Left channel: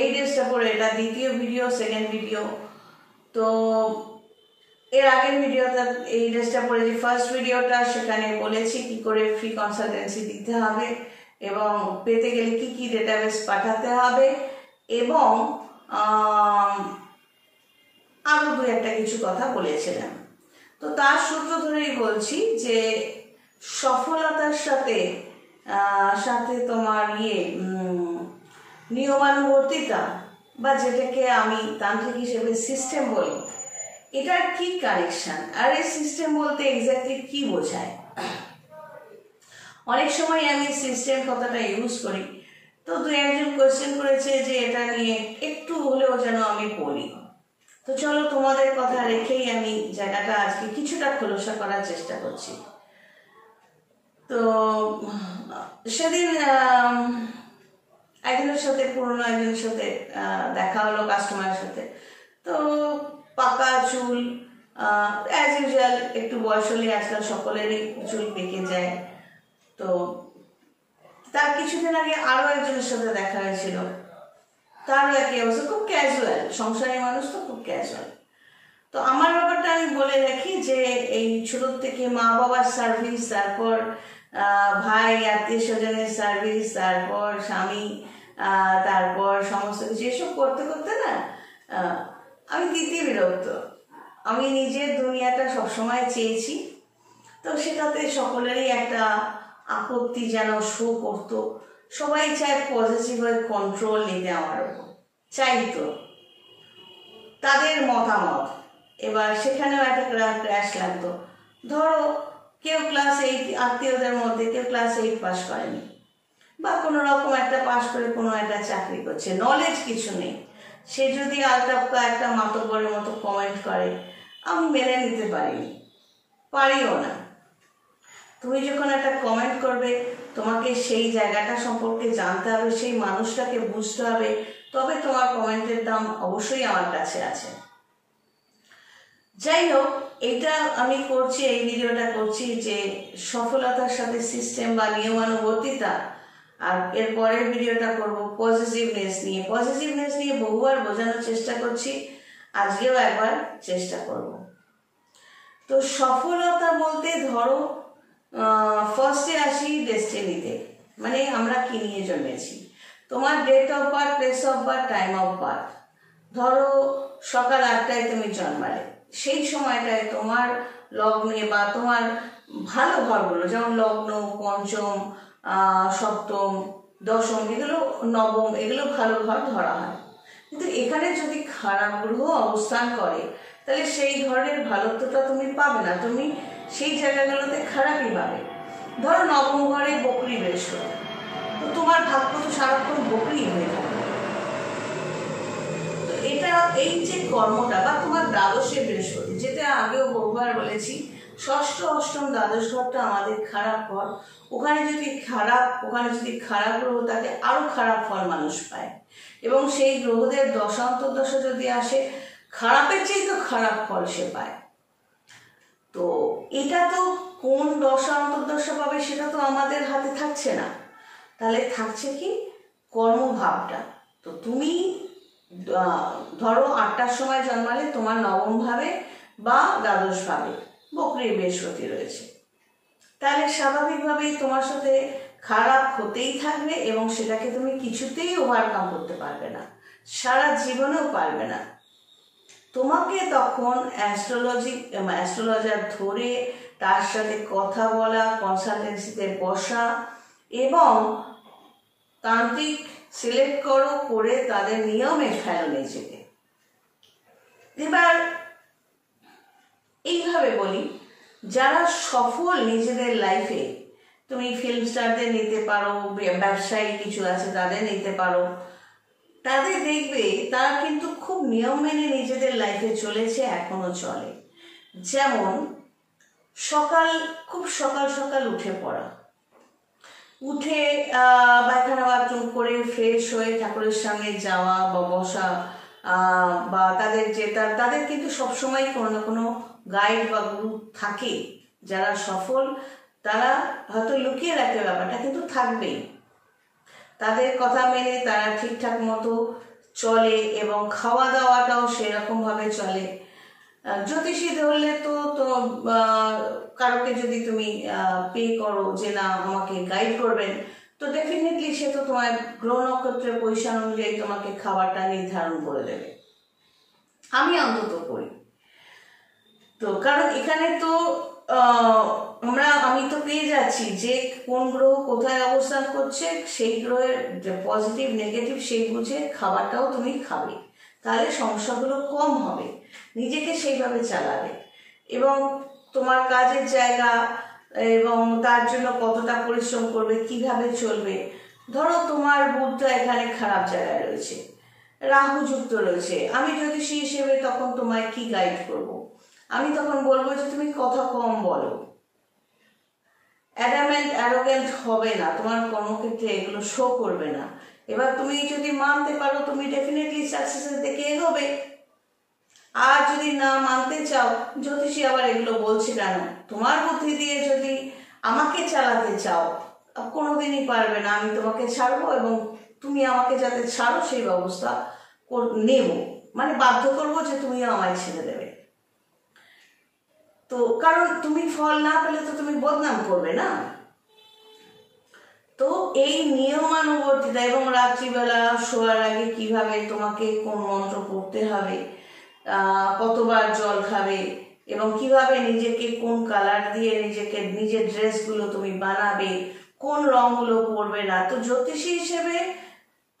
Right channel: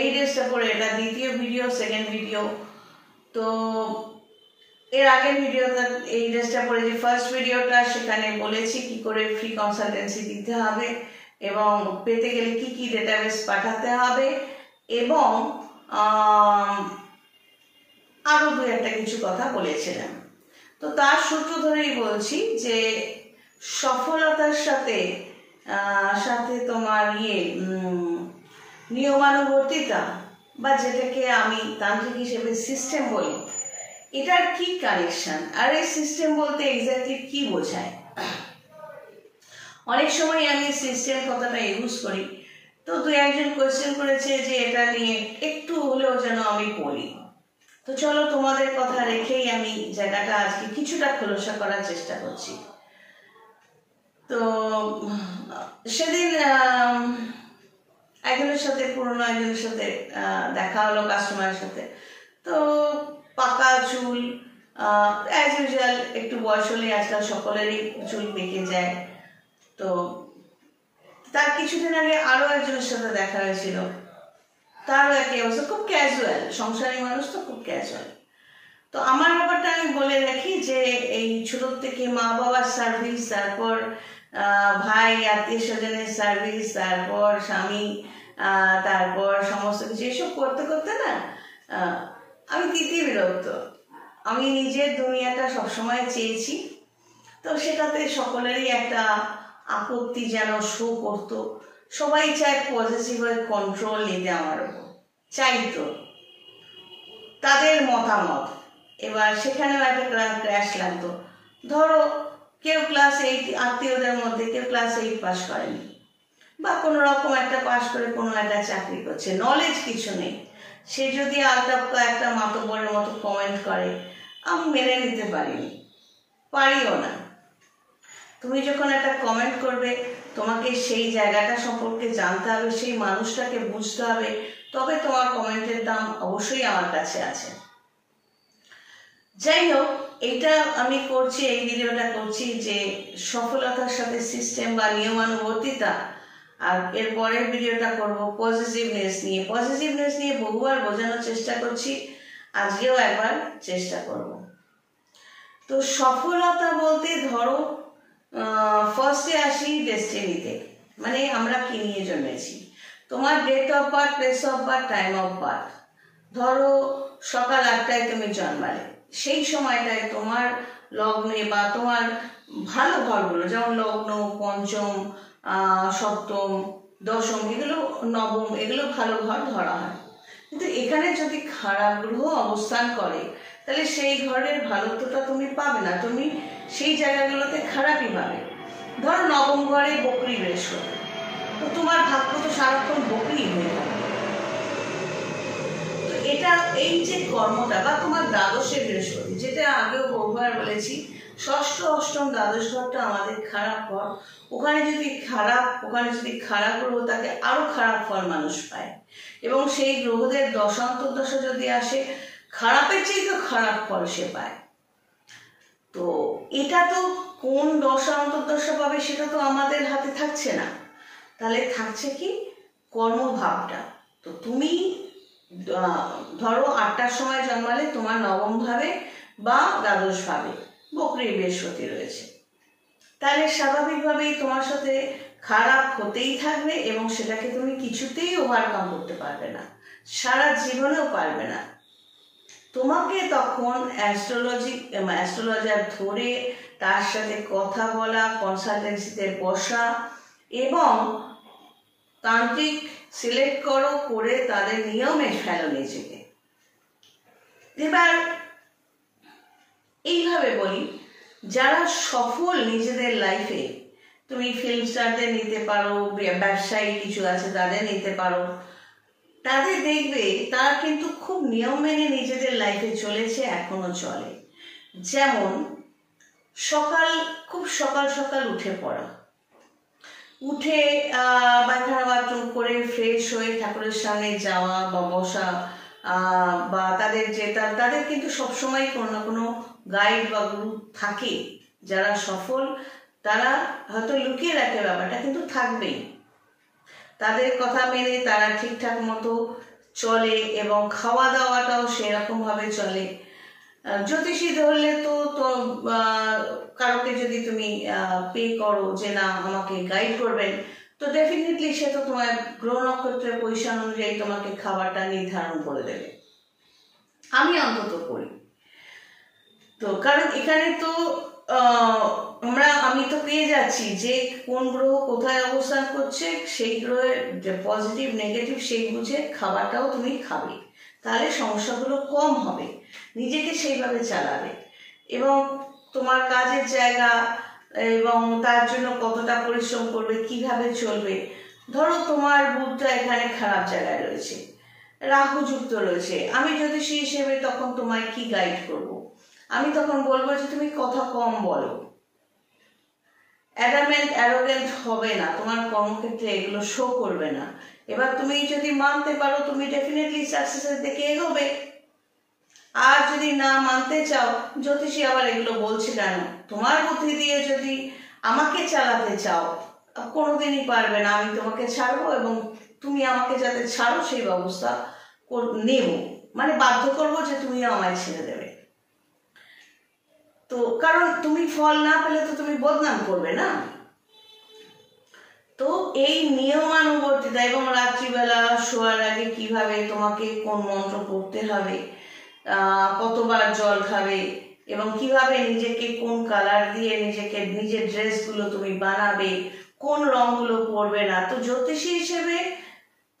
এই ড্রেসটা পরে, এটা দ্বিতীয় ভিডিও, সেকেন্ড ভিডিও। তো এর আগের ভিডিওটা এই ড্রেসটা পরে যে ফার্স্ট ভিডিওটা, সেখানে বলেছি কি করে ফ্রি কনসালটেন্সি দিতে হবে এবং পেতে গেলে কি কি ডেটাবেস পাঠাতে হবে, এবং আরও দু একটা কিছু কথা বলেছিলাম। তো তার সূত্র ধরেই বলছি যে সফলতার সাথে সাথে তোমার নিয়মানুবর্তিতা, বা যেটাকে আমি তান্ত্রিক হিসেবে সিস্টেম বলি, এটার কি কানেকশন, আর এই সিস্টেম বলতে এক্স্যাক্টলি কি বোঝায়। অনেক সময় আমি সিস্টেম কথাটা ইউজ করি, তো দু একজন কোয়েশ্চেন করেছে যে এটা নিয়ে একটু হলেও যেন আমি বলি। তো চলো, তোমাদের কথা রেখেই আমি জায়গাটা আজকে কিছুটা খোলসা করার চেষ্টা করছি। তো সেদিন একজনের সাথে, পুরনো একজনের সাথে দেখা হলো, কাস্টমারের সাথে। তো পাকা চুল, অ্যাজ ইউজুয়াল একটু বয়স হলে আজকাল সকলেরই চুল পেকে যায়। তো তার কিছুদিন আগে আরও একজনের সাথে দেখা হয়েছিল, তারও একই অবস্থা, খুব ক্যাজুয়াল, সংসারী মানুষ তো খুব ক্যাজুয়াল। তো আমার ব্যাপারটা আমি বলে রাখি যে এই ছোটোর থেকে মা বাবার সার্ভিস, তারপর ভাই আত্মীয় স্বজনের সার্ভিস, তারপর স্বামী, তারপর সমস্ত কিছু এসব করতে করতে না আমি দিতে বিরক্ত। আমি নিজের দুনিয়াটা সবসময় চেয়েছি, তো সেটাতে সকলেরই একটা আপত্তি যেন শো করতো। সবাই চায় পজিটিভ হয়ে কন্ট্রোল নিতে আমার উপর, চাইতো তাদের মতামত। এবার সেখানেও একটা ক্র্যাশ লাগতো। ধরো কেউ ক্লাস 8, আত্মীয়দের মধ্যে কেউ ক্লাস 8 পাস করেনি, বা কোনো রকম একটা পাস করে কোনো একটা চাকরি করছে, নলেজ কিছু নেই, সে যদি আলটাপকা একটা মাতব্বরের মতো কমেন্ট করে, আমি মেনে নিতে পারিও না। তুমি যখন একটা কমেন্ট করবে, তোমাকে সেই জায়গাটা সম্পর্কে জানতে হবে, সেই মানুষটাকে বুঝতে হবে, তবে তোমার কমেন্টের দাম অবশ্যই আমার কাছে আছে। যাই হোক, এইটা আমি করছি, এই ভিডিওটা করছি যে সফলতার সাথে সিস্টেম বা নিয়মানুবর্তিতা, আর এর পরের ভিডিওটা করব পজিটিভনেস নিয়ে। পজিটিভনেস নিয়ে বহুবার বোঝানোর চেষ্টা করছি, আজকেও একবার চেষ্টা করব। তো সফলতা বলতে ধরো ফার্স্টে আসি ডেস্টিনিতে, মানে আমরা কি নিয়ে জন্মেছি। তোমার date of birth, place of birth, time of birth. ধরো সকাল 8টায় তুমি জন্মালে, সেই সময়টায় তোমার লগ্নে বা তোমার ভালো ঘরগুলো, যেমন লগ্ন, পঞ্চম, সপ্তম, দশম, এগুলো নবম, এগুলো ভালো ঘর ধরা হয়। কিন্তু এখানে যদি খারাপ গ্রহ অবস্থান করে, তাহলে সেই ঘরের ভালোত্বটা তুমি পাবে না, তুমি সেই জায়গাগুলোতে খারাপই পাবে। ধরো নবম ঘরে বকরি বৃহস্পতি, তো তোমার ভাগ্য তো সারাক্ষণ বকরি হয়ে যাবে। তো এটা, এই যে কর্মটা, বা তোমার দ্বাদশে বৃহস্পতি, যেটা আগেও বহুবার বলেছি, ষষ্ঠ, অষ্টম, দ্বাদশ ঘরটা আমাদের খারাপ ঘর। ওখানে যদি খারাপ গ্রহ থাকে, আরো খারাপ ফল মানুষ পায়। এবং সেই গ্রহদের দশা অন্তর্দশা যদি আসে, খারাপের চেয়ে তো খারাপ ফল সে পায়। তো এটা তো কোন দশা অন্তর্দশা পাবে সেটা তো আমাদের হাতে থাকছে না। তাহলে থাকছে কি, কর্মভাবটা। তো তুমি ধরো 8টার সময় জন্মালে, তোমার নবম ভাবে বা দ্বাদশ ভাবে বকরি বৃহস্পতি রয়েছে, তাহলে স্বাভাবিকভাবেই তোমার সাথে খারাপ হতেই থাকবে, এবং সেটাকে তুমি কিছুতেই ওভারকাম করতে পারবে না, সারা জীবনেও পারবে না। তোমাকে তখন অ্যাস্ট্রোলজার ধরে তার সাথে কথা বলা, কনসালটেন্সিতে বসা, এবং তান্ত্রিক সিলেক্ট করে তাদের নিয়মে ফেলো নিজেকে। এবার এইভাবে বলি, যারা সফল নিজেদের লাইফে, তুমি ফিল্ম স্টারদের নিতে পারো, ব্যবসায়ী কিছু আছে তাদের নিতে পারো, তাদের দেখবে তারা কিন্তু খুব নিয়ম মেনে নিজেদের লাইফে চলেছে, এখনো চলে। যেমন খুব সকাল সকাল উঠে পড়া, উঠে পায়খানা বাথরুম করে ফ্রেশ হয়ে ঠাকুরের সামনে যাওয়া বা বসা, বা তাদের কিন্তু সবসময় কোনো না কোনো গাইড বা গুরু থাকে। যারা সফল তারা হয়তো লুকিয়ে রাখে ব্যাপারটা, কিন্তু থাকবেই। তাদের কথা মেনে তারা ঠিকঠাক মতো চলে এবং খাওয়া দাওয়াটাও সেরকমভাবে চলে। জ্যোতিষী ধরলে তো কারোকে যদি তুমি পে করো যে না আমাকে গাইড করবেন, তো ডেফিনেটলি সে তো তোমার গ্রহ নক্ষত্রের পজিশন অনুযায়ী তোমাকে খাবারটা নির্ধারণ করে দেবে। আমি অন্তত করি। তো কারণ এখানে তো আমি তো পেয়ে যাচ্ছি যে কোন গ্রহ কোথায় অবস্থান করছে, সেই গ্রহের যে পজিটিভ নেগেটিভ সেই বুঝে খাবারটাও তুমি খাবে, তাহলে সমস্যাগুলো কম হবে, নিজেকে সেইভাবে চালাবে। এবং তোমার কাজের জায়গা এবং তার জন্য কতটা পরিশ্রম করবে, কিভাবে চলবে। ধরো তোমার বুধটা এখানে খারাপ জায়গায় রয়েছে, রাহু যুক্ত রয়েছে, আমি জ্যোতিষী হিসেবে তখন তোমায় কি গাইড করব? আমি তখন বলবো যে তুমি কথা কম বলো, অ্যারোগেন্ট হবে না, তোমার কর্মক্ষেত্রে এগুলো শো করবে না। এবার তুমি যদি মানতে পারো তুমি ডেফিনেটলি সাকসেসের দিকে এগোবে। আর যদি না মানতে চাও, জ্যোতিষী আবার এগুলো বলছে কেন? তোমার বুদ্ধি দিয়ে যদি আমাকে চালাতে চাও কোনোদিনই পারবে না। আমি তোমাকে ছাড়বো এবং তুমি আমাকে যাতে ছাড়ো সেই ব্যবস্থা নেব, মানে বাধ্য করবো যে তুমিও আমায় ছেড়ে দেবে। তো কারণ তুমি ফল না পেলে তো তুমি বদনাম করবে না। তো এই নিয়মানুবর্তিতা এবং রাত্রিবেলা শোয়ার আগে কিভাবে তোমাকে কোন মন্ত্র পড়তে হবে, কতবার জল খাবে এবং কিভাবে নিজেকে কোন কালার দিয়ে নিজের ড্রেসগুলো তুমি বানাবে, কোন রঙগুলো পরবে না। তো জ্যোতিষী হিসেবে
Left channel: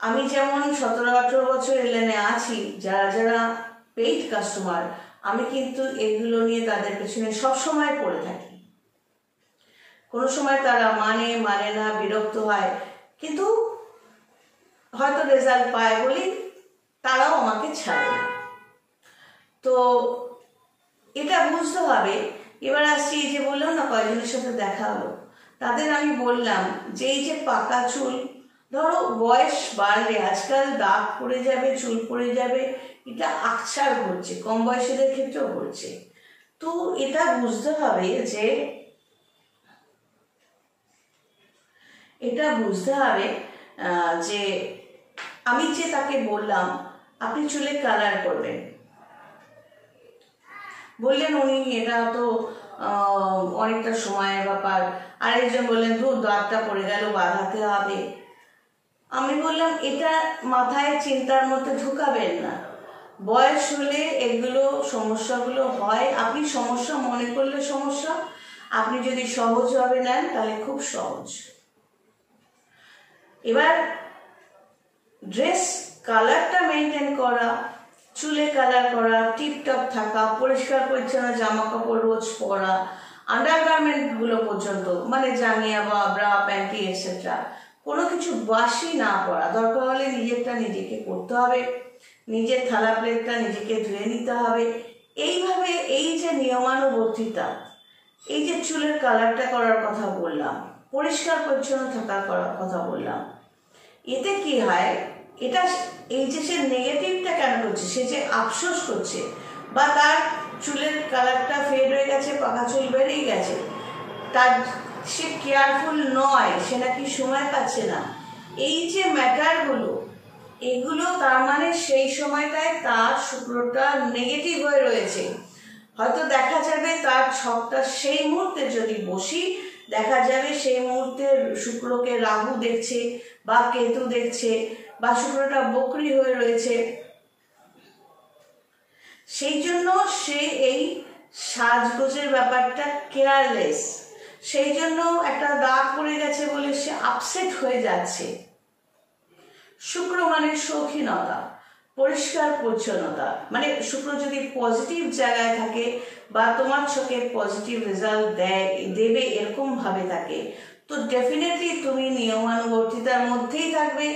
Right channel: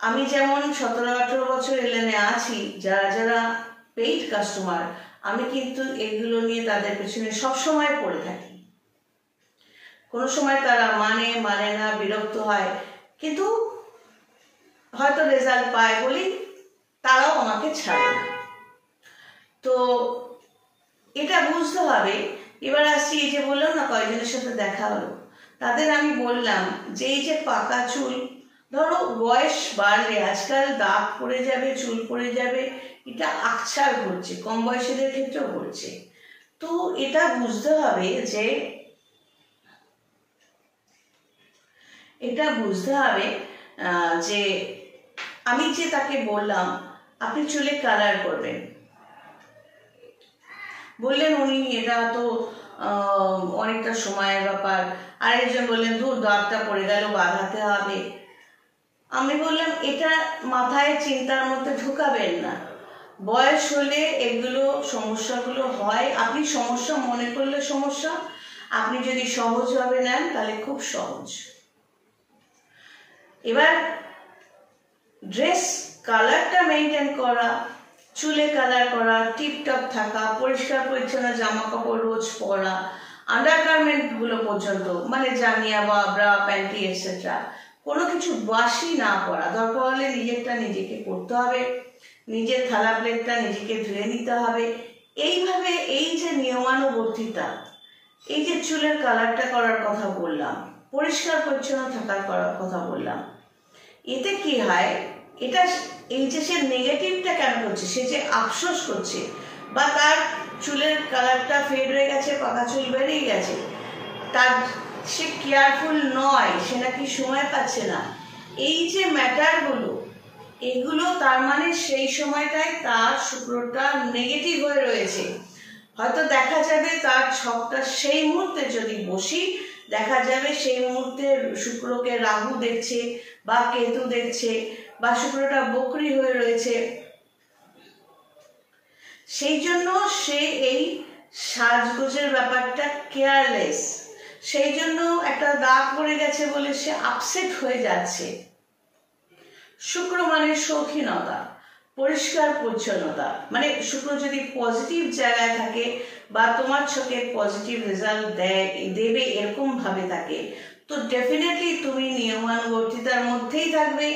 আমি যেমন 17-18 বছর এলেনে আছি, যারা পেইড কাস্টমার, আমি কিন্তু এগুলো নিয়ে তাদের পেছনে সবসময় পড়ে থাকি। কোনো সময় তারা মানে না, বিরক্ত হয়, কিন্তু হয়তো রেজাল্ট পায় বলি তারাও আমাকে ছাড়ে না। তো এটা বুঝতে হবে। এবার আসছি, এই যে বললাম না কয়েকজনের সাথে দেখা হলো, তাদের আমি বললাম যে এই যে পাকা চুল, ধরো বয়স বাড়লে আজকাল দাগ পড়ে যাবে, চুল পড়ে যাবে, এটা আকছার ঘটছে, কম বয়সীদের ক্ষেত্রেও ঘটছে। তো এটা বুঝতে হবে যে আমি যে তাকে বললাম আপনি চুলে কালার করবেন, বললেন উনি এটা তো অনেকটা সময়ের ব্যাপার। আরেকজন বললেন দূর দাগটা পড়ে গেল, বাঁধাতে হবে। আমি বললাম এটা মাথায় চিন্তার মধ্যে ঢুকাবেন না, বয়স হলে এগুলো সমস্যাগুলো হয়। আপনি সমস্যা মনে করলে সমস্যা, আপনি যদি সহজভাবে নেন তাহলে খুব সহজ। এবার ড্রেস কালারটা মেনটেন করা, চুলে কালার করা, টিপটপ থাকা, পরিষ্কার পরিচ্ছন্ন জামা কাপড় রোজ পরা, আন্ডারগার্মেন্টগুলো পর্যন্ত, মানে জাঙ্গিয়া বা ব্রা প্যান্টি এটসেট্রা, কোনো কিছু বাসি না পরা। দরকার হলে নিজেরটা নিজেকে করতে হবে, নিজের থালা প্লেটটা নিজেকে ধুয়ে নিতে হবে। এইভাবে এই যে নিয়মানুবর্তিতা, এই যে চুলের কালারটা করার কথা বললাম, পরিষ্কার পরিচ্ছন্ন থাকার কথা বললাম, এতে কি হয়, এটা এই যে সে নেগেটিভটা কেন করছে, সে যে আফসোস করছে বা তার চুলের কালারটা ফেড হয়ে গেছে, পাকা চুল বেরিয়ে গেছে, তার সে কেয়ারফুল নয়, সে নাকি সময় পাচ্ছে না, এই যে ম্যাটারগুলো, এগুলো তার মানে সেই সময়টায় তার শুক্রটা নেগেটিভ হয়ে রয়েছে। হয়তো দেখা যাবে তার ছকটা সেই মুহূর্তে যদি বসি, দেখা যাবে সেই মুহূর্তে শুক্রকে রাহু দেখছে বা কেতু দেখছে বা শুক্রটা বকরি হয়ে রয়েছে। সেই জন্য সে এই সাজগোজের ব্যাপারটা কেয়ারলেস, সেই জন্য একটা দাগ পড়ে গেছে বলে সে আপসেট হয়ে যাচ্ছে। শুক্র মানে শৌখিনতা, পরিষ্কার পরিচ্ছন্নতা, মানে শুক্র যদি পজিটিভ জায়গায় থাকে বা তোমার ছকে পজিটিভ রেজাল্ট দেবে এরকম ভাবে থাকে, তো ডেফিনেটলি তুমি নিয়মানুবর্তিতার মধ্যেই থাকবে।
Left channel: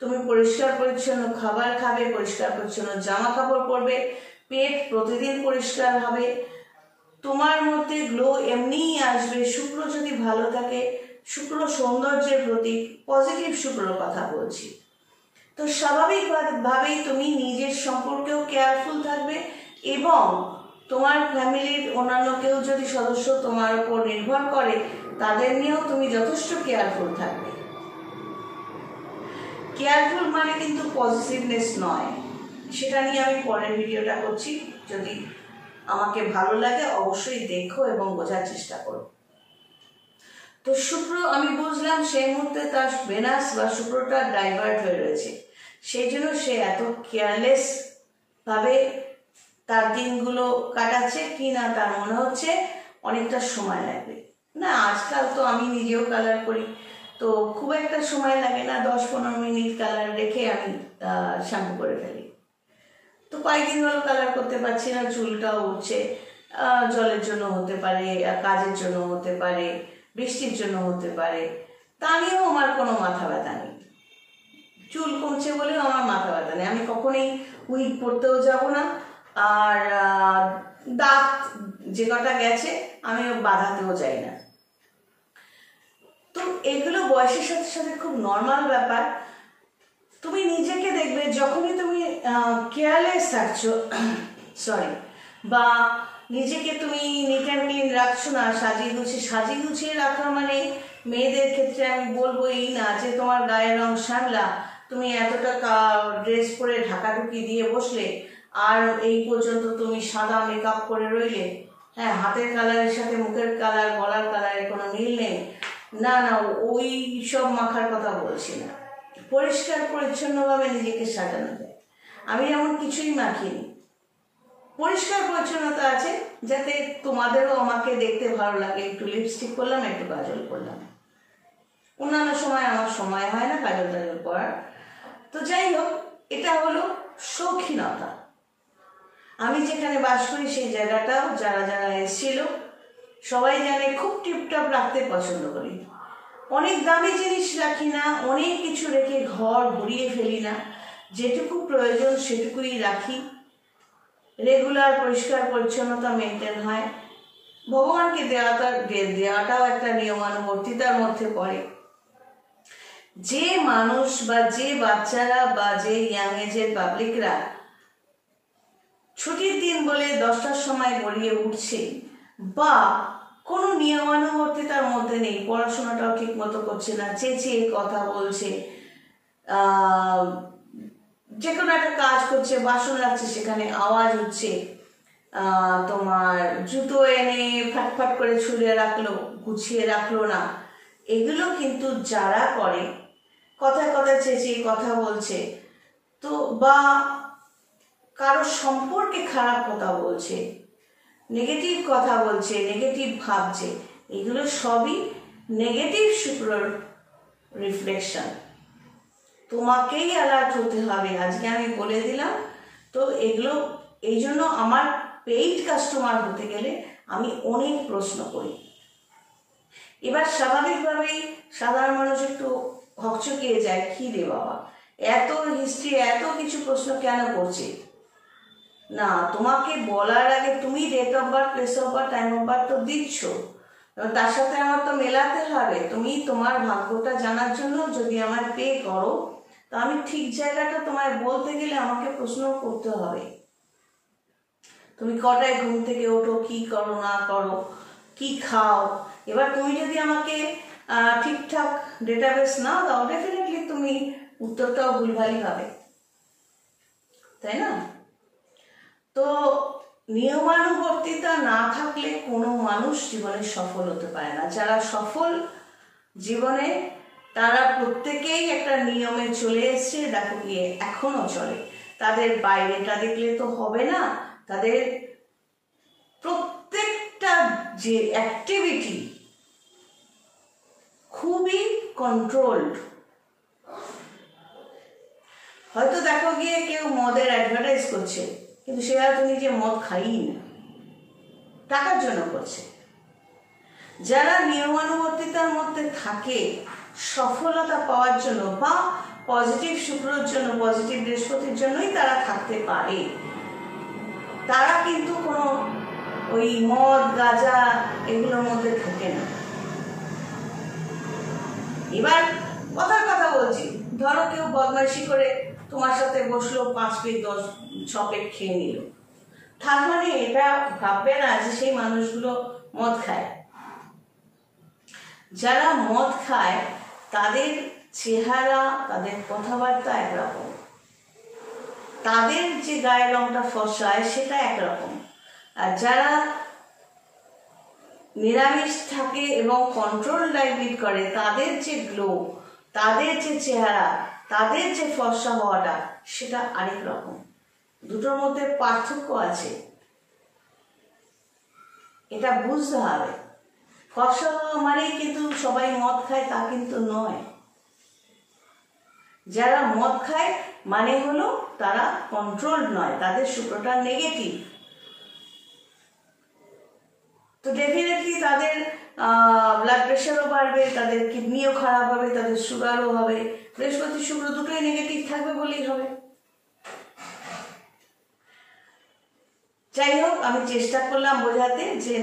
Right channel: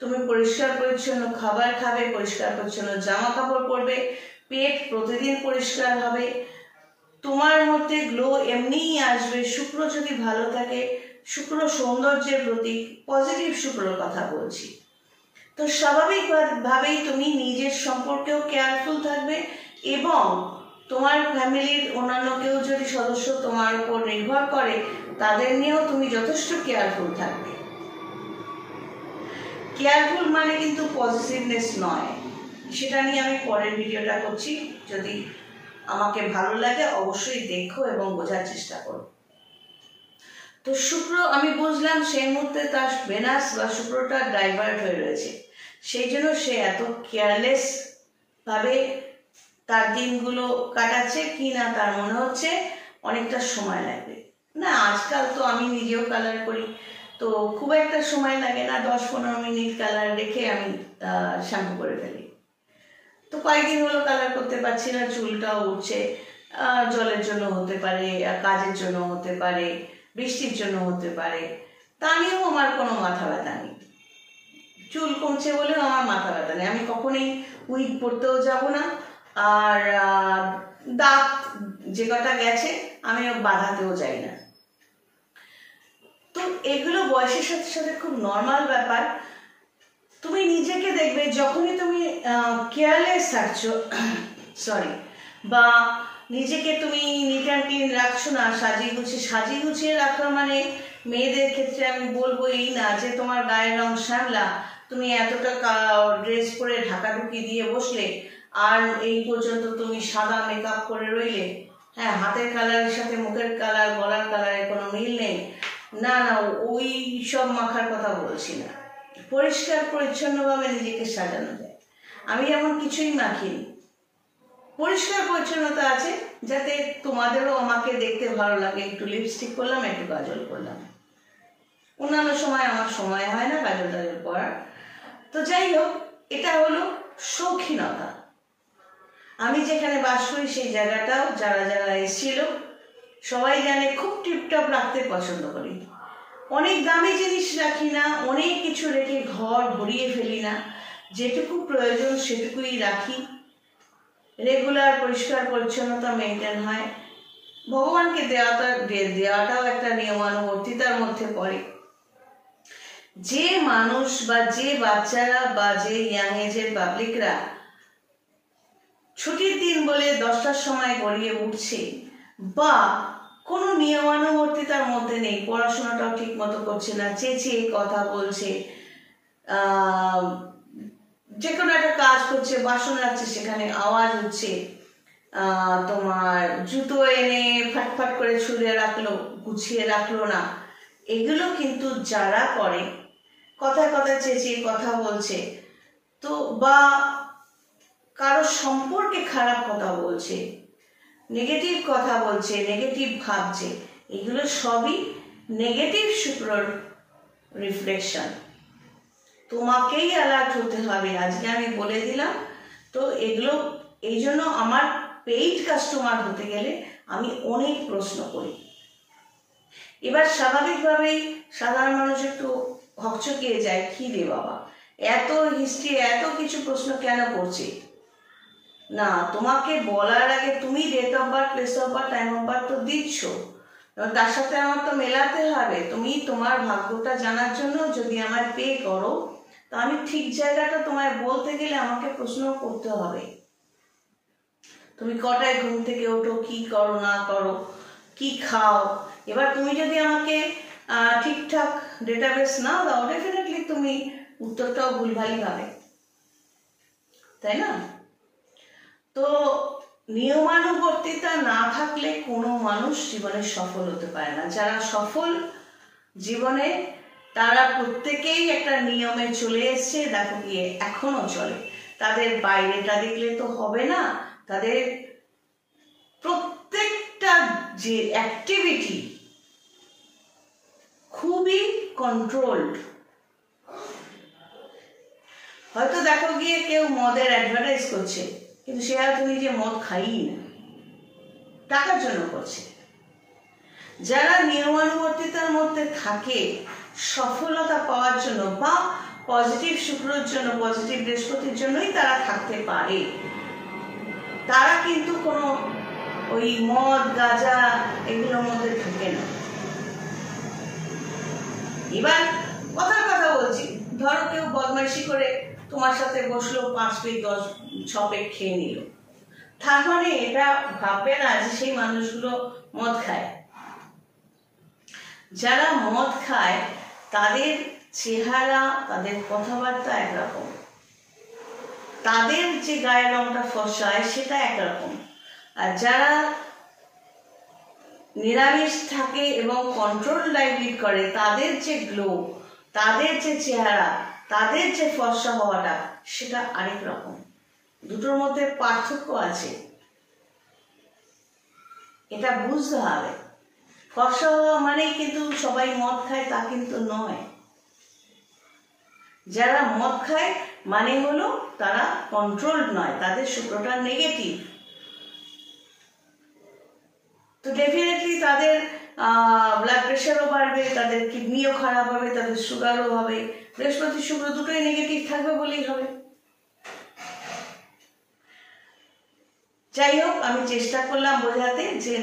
তুমি পরিষ্কার পরিচ্ছন্ন খাবার খাবে, পরিষ্কার পরিচ্ছন্ন জামা কাপড় পরবে, পেট প্রতিদিন পরিষ্কার হবে, তোমার মধ্যে গ্লো এমনিই আসবে। শুক্র যদি ভালো থাকে, শুক্র সৌন্দর্যের প্রতীক, পজিটিভ শুক্রর কথা বলছি, তো স্বাভাবিকভাবেই তুমি নিজের সম্পর্কেও কেয়ারফুল থাকবে এবং তোমার ফ্যামিলির অন্যান্য কেউ যদি সদস্য তোমার উপর নির্ভর করে তাদের নিয়েও তুমি যথেষ্ট কেয়ারফুল থাকবে। কেয়ারফুল মানে কিন্তু পজিটিভনেস নয়, সেটা নিয়ে আমি পরের ভিডিওটা করছি। যদি আমাকে ভালো লাগে অবশ্যই দেখো এবং বোঝার চেষ্টা করো। তো শুক্র আমি বুঝলাম সেই মুহূর্তে তার ভেনাস বা শুক্রটা ডাইভার্ট হয়ে রয়েছে, সেই জন্য সে এত কেয়ারলেস ভাবে তার দিনগুলো কাটাচ্ছে কি না তার মনে হচ্ছে অনেকটা সময় লাগবে। না, আজকাল তো আমি নিজেও কালার করি, তো খুব একটা সময় লাগে না, 10-15 মিনিট কালার রেখে আমি শ্যাম্পু করে ফেলি। তো কয়েকদিন হলো কালার করতে পারছি না, চুলটাও উঠছে। জলের জন্য হতে পারে, কাজের জন্য হতে পারে, বৃষ্টির জন্য হতে পারে, তা নিয়েও আমার কোনো মাথা ব্যথা নেই। চুল কমছে বলেও আমার মাথা ব্যথা নেই, আমি কখনোই উইগ পরতেও যাব না। আর দাঁত যে কটা গেছে আমি বাঁধাতেও যাই না। তো এগুলো বয়সের সাথে সাথে খুব নর্মাল ব্যাপার। তুমি নিজেকে দেখবে যখনই তুমি কেয়ারলেস থাকছো বা নিজেকে তুমি নিট অ্যান্ড ক্লিন রাখছো না, সাজিয়ে গুছিয়ে রাখা মানে মেয়েদের ক্ষেত্রে আমি বলবো এই না যে তোমার গায়ের রং শ্যামলা, তুমি এতটা ড্রেস পরে ঢাকাঢুকি দিয়ে বসলে আর এই পর্যন্ত তুমি সাদা মেকআপ করে রইলে, হ্যাঁ হাতের কালারের সাথে মুখের কালার গলার কালারের কোনো মিল নেই, না না ওই সব মাখার কথা বলছি না। পরিষ্কার পরিচ্ছন্নভাবে নিজেকে সাজানো যায়। আমি যেমন কিছুই মাখিনি, পরিষ্কার পরিচ্ছন্নতা আছে যাতে তোমাদেরও আমাকে দেখতে ভালো লাগে। একটু লিপস্টিক করলাম, একটু কাজল করলাম, অন্যান্য সময় আমার সময় হয় না কাজল টাজল করার। তো যাই হোক, এটা হলো শৌখিনতা। আমি যেখানে বাস করি সেই জায়গাটাও যারা যারা এসেছিল সবাই জানে খুব টিপটপ রাখতে পছন্দ করি। অনেক দামি জিনিস রাখি না, অনেক কিছু রেখে ঘর ভরিয়ে ফেলি না, যেটুকু প্রয়োজন সেটুকুই রাখি। রেগুলার পরিষ্কার পরিচ্ছন্নতা মেনটেন হয়। ভগবানকে দেওয়াটাও একটা নিয়মানুবর্তিতার মধ্যে পড়ে। যে মানুষ বা যে বাচ্চারা বা যে ইয়াং এজের পাবলিকরা ছুটির দিন বলে 10টার সময় গড়িয়ে উঠছে বা কোনো নিয়মানুবর্তিতার মধ্যে নেই, পড়াশোনাটাও ঠিক মতো করছে না, চেঁচিয়ে কথা বলছে, যে কোনো একটা কাজ করছে, বাসন রাখছে সেখানে আওয়াজ হচ্ছে, তোমার জুতো এনে ফাটফাট করে ছুঁড়ে রাখলো, গুছিয়ে রাখলো না, এগুলো কিন্তু যারা করে কথায় কথায় চেঁচিয়ে কথা বলছে, তো বা কারো সম্পর্কে খারাপ কথা বলছে, নেগেটিভ কথা বলছে, নেগেটিভ ভাবছে, এগুলো সবই নেগেটিভ শুক্রর রিফ্লেকশন। তোমাকেই অ্যালার্ট হতে হবে, আজকে আমি বলে দিলাম। তো এগুলো এই জন্য আমার পেইড কাস্টমার হতে গেলে আমি অনেক প্রশ্ন করি। এবার স্বাভাবিকভাবেই সাধারণ মানুষ একটু হকচকিয়ে যায়, কি রে বাবা এত হিস্ট্রি এত কিছু প্রশ্ন কেন করছে। না, তোমাকে বলার আগে তুমি date of birth, place of birth, time of birth তো দিচ্ছ, তার সাথে আমার তো মেলাতে হবে। তুমি তোমার ভাগ্যটা জানার জন্য যদি আমায় পে করো, তো আমি ঠিক জায়গাটা তোমায় বলতে গেলে আমাকে প্রশ্ন করতে হবে। তুমি কটায় ঘুম থেকে ওঠো, কি করো না করো, কি খাও। এবার তুমি যদি আমাকে ঠিকঠাক ডেটাবেস না দাও, ডেফিনেটলি তুমি উত্তরটাও ভুলভালই পাবে, তাই না? তো নিয়মানুবর্তিতা না থাকলে কোনো মানুষ জীবনে সফল হতে পারে না। যারা সফল জীবনে তারা প্রত্যেকেই একটা নিয়মে চলে এসছে, দেখো গিয়ে এখনো চলে। তাদের বাইরেটা দেখলে তো হবে না, তাদের প্রত্যেকটা যে অ্যাক্টিভিটি খুবই কন্ট্রোলড। হয়তো দেখো গিয়ে কেউ মদের অ্যাডভার্টাইজ করছে, কিন্তু সে হয়তো নিজে মদ খাইই না, টাকার জন্য করছে। যারা নিয়মানুবর্তিতার মধ্যে থাকে সফলতা পাওয়ার জন্য বা পজিটিভ শুক্রর জন্য, পজিটিভ বৃহস্পতির জন্যই তারা থাকতে পারে, তারা কিন্তু কোনো ওই মদ গাঁজা এগুলোর মধ্যে ঢোকে না। এবার কথার কথা বলছি, ধরো কেউ বদমাইশি করে তোমার সাথে বসলো, 5 পেগ 6 পেগ খেয়ে নিল, তার মানে এটা ভাববে না যে সেই মানুষগুলো মদ খায়। যারা মদ খায় তাদের চেহারা, তাদের কথাবার্তা একরকম, তাদের যে গায়ের রংটা ফর্সা হয় সেটা একরকম। আর যারা নিরামিষ থাকে এবং কন্ট্রোল ডায়েট লিড করে, তাদের যে গ্লো, তাদের যে চেহারা, তাদের যে ফর্সা হওয়াটা, সেটা আরেক রকম। দুটোর মধ্যে পার্থক্য আছে, এটা বুঝতে হবে। ফর্সা হওয়া মানেই কিন্তু সবাই মদ খায় তা কিন্তু নয়। যারা মদ খায় মানে হলো তারা কন্ট্রোলড নয়, তাদের শুক্রটা নেগেটিভ। তো ডেফিনেটলি তাদের ব্লাড প্রেশারও বাড়বে, তাদের কিডনিও খারাপ হবে, তাদের সুগারও হবে। বৃহস্পতি শুক্র দুটোই নেগেটিভ থাকবে বলেই হবে। যাই হোক, আমি চেষ্টা করলাম বোঝাতে যে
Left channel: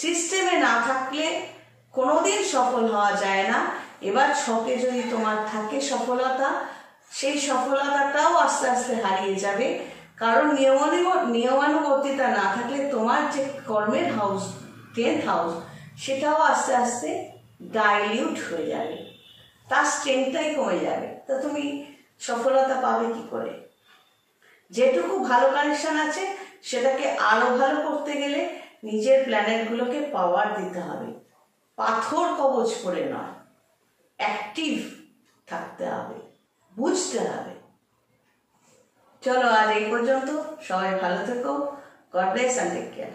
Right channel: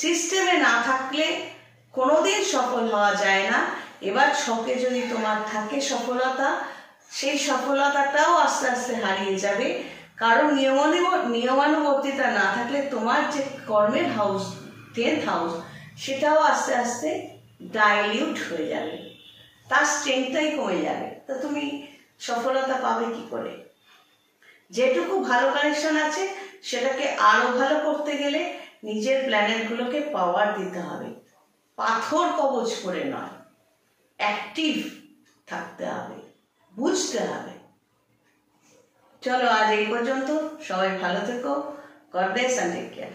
সিস্টেমে না থাকলে কোনোদিন সফল হওয়া যায় না। এবার ছকে যদি তোমার থাকে সফলতা, সেই সফলতাটাও আস্তে আস্তে হারিয়ে যাবে, কারণ নিয়মানুবর্তিতা না থাকলে তোমার যে কর্মের হাউস, 10th হাউস, সেটাও আস্তে আস্তে ডাইলিউট হয়ে যাবে, তার স্ট্রেংথটাই কমে যাবে। তা তুমি সফলতা পাবে কি করে? যেটুকু ভালো কানেকশন আছে সেটাকে আরো ভালো করতে গেলে নিজের প্ল্যানেটগুলোকে পাওয়ার দিতে হবে, পাথর কবচ করে নয়, অ্যাক্টিভ থাকতে হবে, বুঝতে হবে। চলো আজ এই পর্যন্ত, সবাই ভালো থেকো। God bless and take care.